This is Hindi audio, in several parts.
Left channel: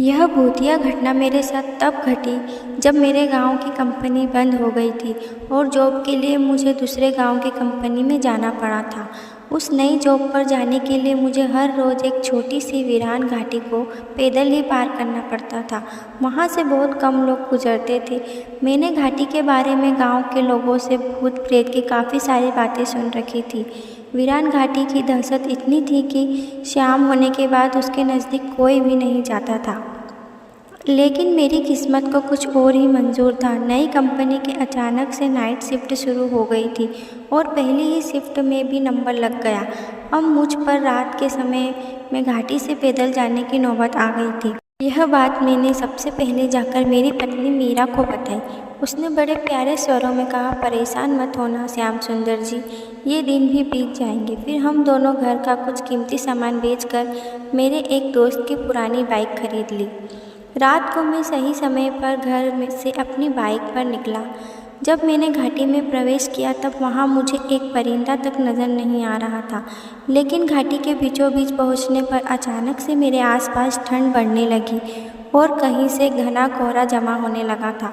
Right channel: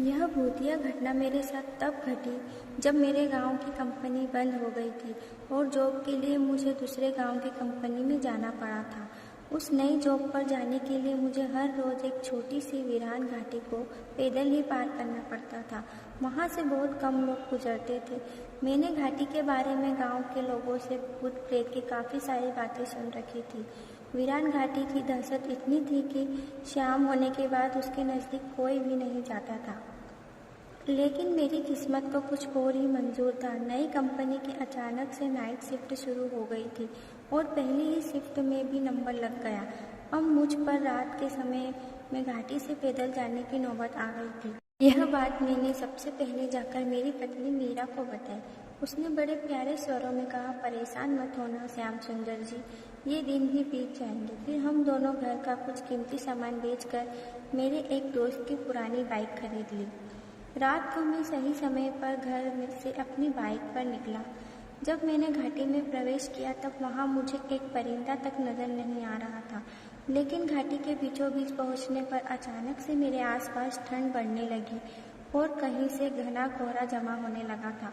यह भूतिया घटना मेरे साथ तब घटी जब मेरे गांव की कंपनी बंद हो गई थी और जॉब के लिए मुझे दूसरे गांव की कंपनी में जाना पड़ा था। उस नई जॉब पर जाने के लिए मुझे हर रोज़ एक छोटी सी वीरान घाटी को पैदल ही पार करना पड़ता था। वहाँ से बहुत कम लोग गुजरते थे। मैंने घाटी के बारे में गांव के लोगों से भूत प्रेत की काफ़ी सारी बातें सुन रखी थी। वीरान घाटी की दहशत इतनी थी कि शाम होने के बाद उसके नज़दीक कोई भी नहीं जाता था। लेकिन मेरी किस्मत को कुछ और ही मंजूर था। नई कंपनी के अचानक से नाइट शिफ्ट शुरू हो गई थी और पहली ही शिफ्ट में भी नंबर लग गया। अब मुझ पर रात के समय में घाटी से पैदल जाने की नौबत आ गई थी। यह बात मैंने सबसे पहले जाकर मेरी पत्नी मीरा को बताई। उसने बड़े प्यारे स्वरों में कहा, परेशान मत होना श्याम सुंदर जी, ये दिन भी बीत जाएंगे। फिर हम दोनों घर का कुछ कीमती सामान बेचकर मेरे एक दोस्त की पुरानी बाइक खरीद ली। रात को मैं सही समय पर घर में से अपनी बाइक पर निकला। जब मैंने घाटी में प्रवेश किया तब वहाँ मुझे एक परिंदा तक नज़र नहीं आ रहा था। लेकिन घाटी के बीचों बीच पहुँचने पर अचानक से मेरे आसपास ठंड बढ़ने लगी और कहीं से घना कोहरा जमा होने लगा था।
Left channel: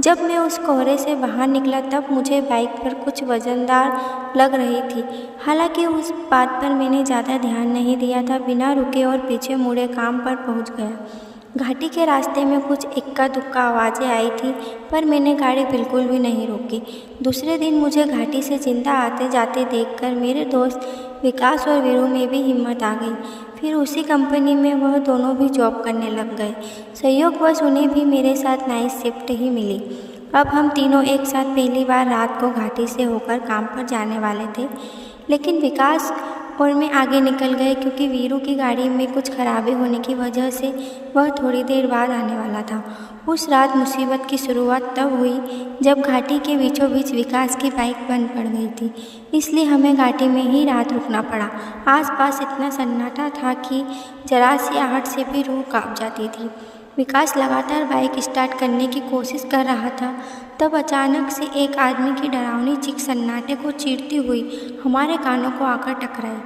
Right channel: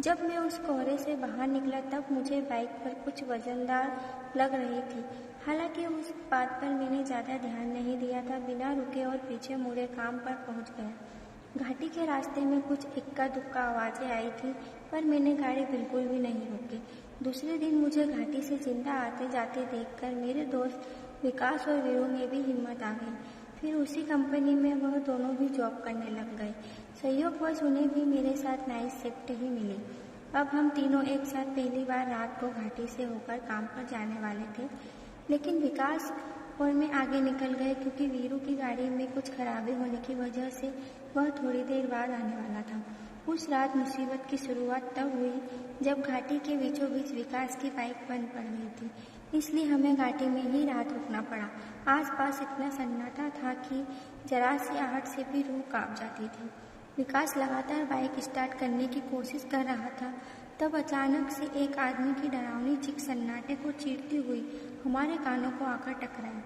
जब मैं उस कोहरे से बाहर निकला तब मुझे बाइक पर कुछ वजनदार लग रही थी। हालांकि उस बात पर मैंने ज़्यादा ध्यान नहीं दिया था। बिना रुके और पीछे मुड़े काम पर पहुँच गया। घाटी के रास्ते में कुछ इक्का दुक्का आवाज़ें आई थी, पर मैंने गाड़ी बिल्कुल भी नहीं रोकी। दूसरे दिन मुझे घाटी से जिंदा आते जाते देखकर मेरे दोस्त विकास और वीरू में भी हिम्मत आ गई। फिर उसी कंपनी में वह दोनों भी जॉब करने लग गए। संयोगवश उन्हें भी मेरे साथ नाइट शिफ्ट ही मिली। अब हम तीनों एक साथ पहली बार रात को घाटी से होकर काम पर जाने वाले थे। लेकिन विकास और मैं आगे निकल गए क्योंकि वीरू की गाड़ी में कुछ खराबी होने की वजह से वह थोड़ी देर बाद आने वाला था। उस रात मुसीबत की शुरुआत तब हुई जब घाटी के बीचों बीच विकास की बाइक बंद पड़ गई थी, इसलिए हमें घाटी में ही रात रुकना पड़ा। आसपास इतना सन्नाटा था कि जरा सी आहट से भी रूह कांप जाती थी। विकास लगातार बाइक स्टार्ट करने की कोशिश कर रहा था। तब अचानक से एक आदमी की डरावनी चीख सन्नाटे को चीरती हुई हमारे कानों को आकर टकराई,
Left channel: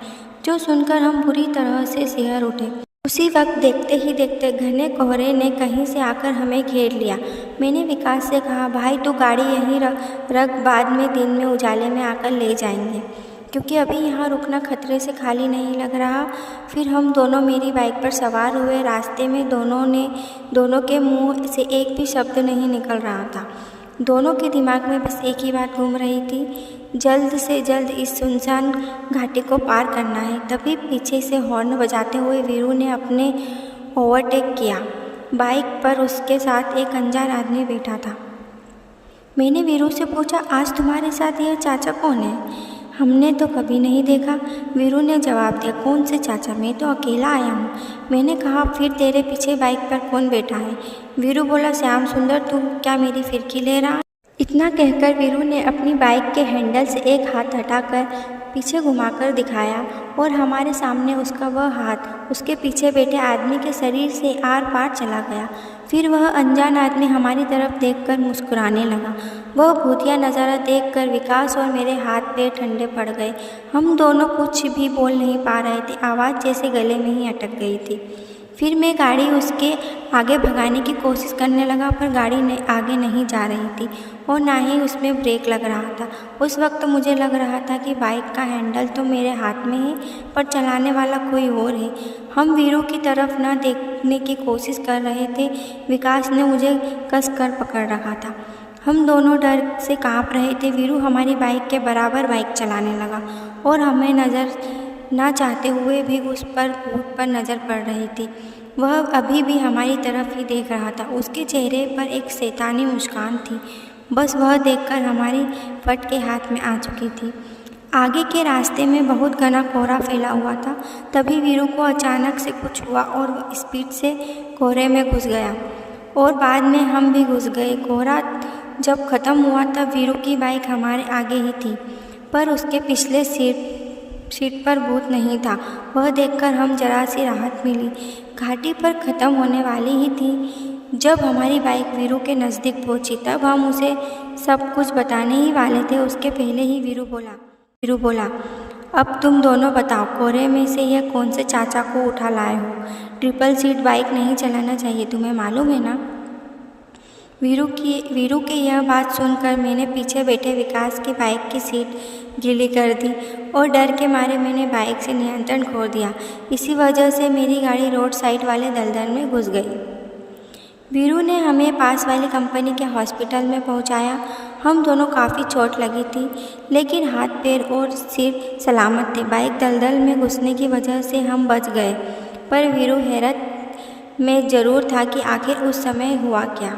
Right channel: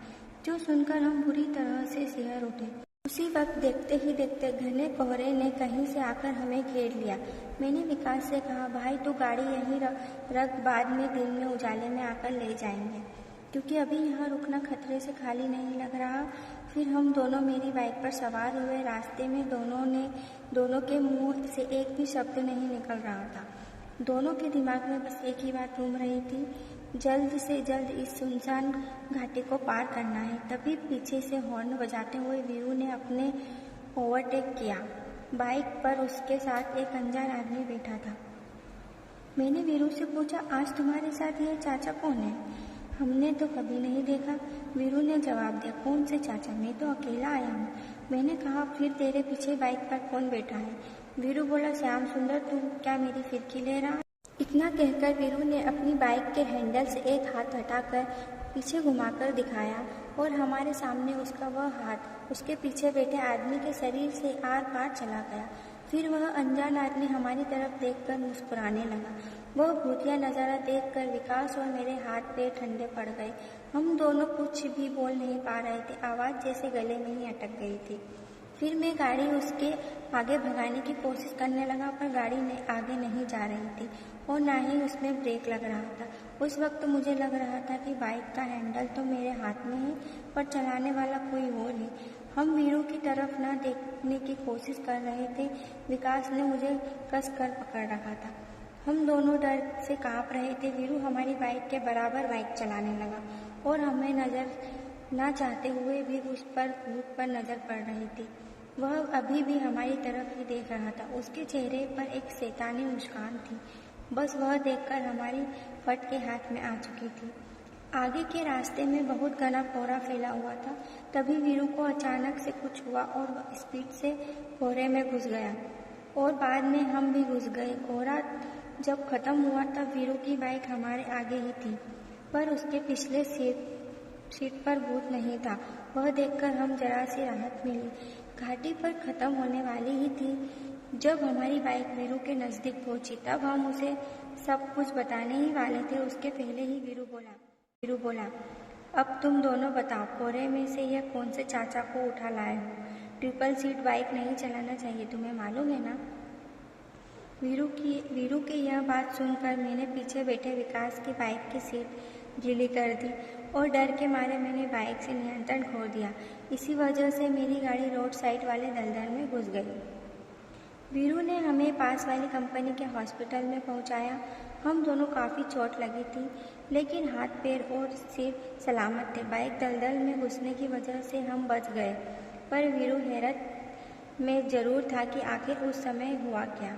जो सुनकर हम बुरी तरह से सिहर उठे। उसी वक्त देखते ही देखते घने कोहरे ने कहीं से आकर हमें घेर लिया। मैंने विकास से कहा, भाई तू गाड़ी यहीं रख, बाद में दिन में उजाले में आकर ले जाएंगे, क्योंकि अभी यहाँ रुकना खतरे से खाली नहीं लग रहा। फिर हम दोनों मेरी बाइक पर सवार हुए। रास्ते में दोनों के मुंह से एक भी शब्द नहीं निकल रहा था। दोनों के दिमाग में बस एक ही बात घूम रही थी, जल्द से जल्द इस सुनसान घाटी को पार करना है। तभी पीछे से हॉर्न बजाते हुए वीरू ने अपने ओवरटेक किया। बाइक पर उसके साथ एक अनजान आदमी बैठा था। मैंने वीरू से पूछा, आज तुम्हारे साथ यह चाचा कौन है? हमने तो कभी नहीं देखा, वीरू ने जवाब दिया। कौन से चाचा? मैं तो अकेला आया हूँ। मैंने कहा, फिर तेरे पीछे बाइक पर कौन बैठा है? वीरू बोला, श्याम सुंदर, तू क्या मेरी फिरकी ले रहा? इतना कहकर वीरू ने अपनी बाइक के हैंडल से एक हाथ हटाकर पीछे घुमाकर दिखाया और हमारे सामने उसका वह हाथ उसके पीछे बैठे आदमी के शरीर से आर पार चला गया। फिर वह अनजान आदमी हमारी तरफ देखकर मुस्कुराने लगा। वह भूतिया नज़ारा देखकर विकास और मेरे हाथ पैर ठंडे पड़ गए। हम दोनों कुछ भी बोल नहीं पा रहे थे, आवाज़ जैसे गले में ही अटक गई थी। फिर मैं गाड़ी उसके आगे भगाने की कोशिश करने लगा, पर गाड़ी आगे नहीं जा रही थी और ना ही उसमें ब्रेक लग रहा था। उस वक्त मुझे लग रहा था कि बाइक का हैंडल तो मेरे हाथ में है, पर चलाने वाला कोई और है। हम वीरू की तरफ न देखने की कोशिश कर रहे थे। विकास ने मुझे कस कर पकड़ रखा था। हम दोनों डर से काँप रहे थे। वीरू हमारी बाइक के बराबर बाइक चलाने लगा और हमें नज़र ना चाहते हुए भी उस पर भूत पर नज़र पड़ रही थी। वह अभी भी हमारी तरफ ही देख रहा था। उसके चेहरे पर एक शैतानी मुस्कान थी। बस वह देखकर हमारी फट के हाथ में आ चुकी थी। आगे के रास्ते में बहुत घना कोहरा फैला हुआ था। तभी वीरू को अचानक से कुछ हुआ और वह स्पीड से कोहरे में घुस गया और बाद में हम भी घुस गए। कोहरा जब ख़त्म हुआ तब वीरू की बाइक हमारे आगे ही थी, पर उसके पिछले सीट पर भूत नहीं था। वह देखकर हम जरा सी राहत मिली। घाटी पर ख़त्म होने वाली ही थी। जब हमारी बाइक वीरू के नज़दीक पहुंची तब हम उसे सब कुछ बताने ही वाले थे। उसके पहले ही वीरू बोला, अब तुम दोनों बताओ, कोरे में से यह कौन से चाचा को उठा लाए हो? ट्रिपल सीट बाइक नहीं चलाना चाहिए, तुम्हें मालूम है ना? वीरू की यह बात सुनकर मैंने पीछे बैठे विकास की बाइक की सीट गीली कर दी और डर के मारे मैंने बाइक से नियंत्रण खो दिया। इसी वजह से मेरी गाड़ी रोड साइड वाले दलदल में घुस गई। वीरू ने हमें पास वाली कंपनी के हॉस्पिटल में पहुंचाया। हम दोनों काफ़ी चोट लगी थी, लेकिन हाथ पैर और सिर सलामत थे। बाइक दलदल में घुसने की वजह से हम बच गए, पर वीरू हैरत में ज़रूर था कि आखिर उस समय हुआ क्या।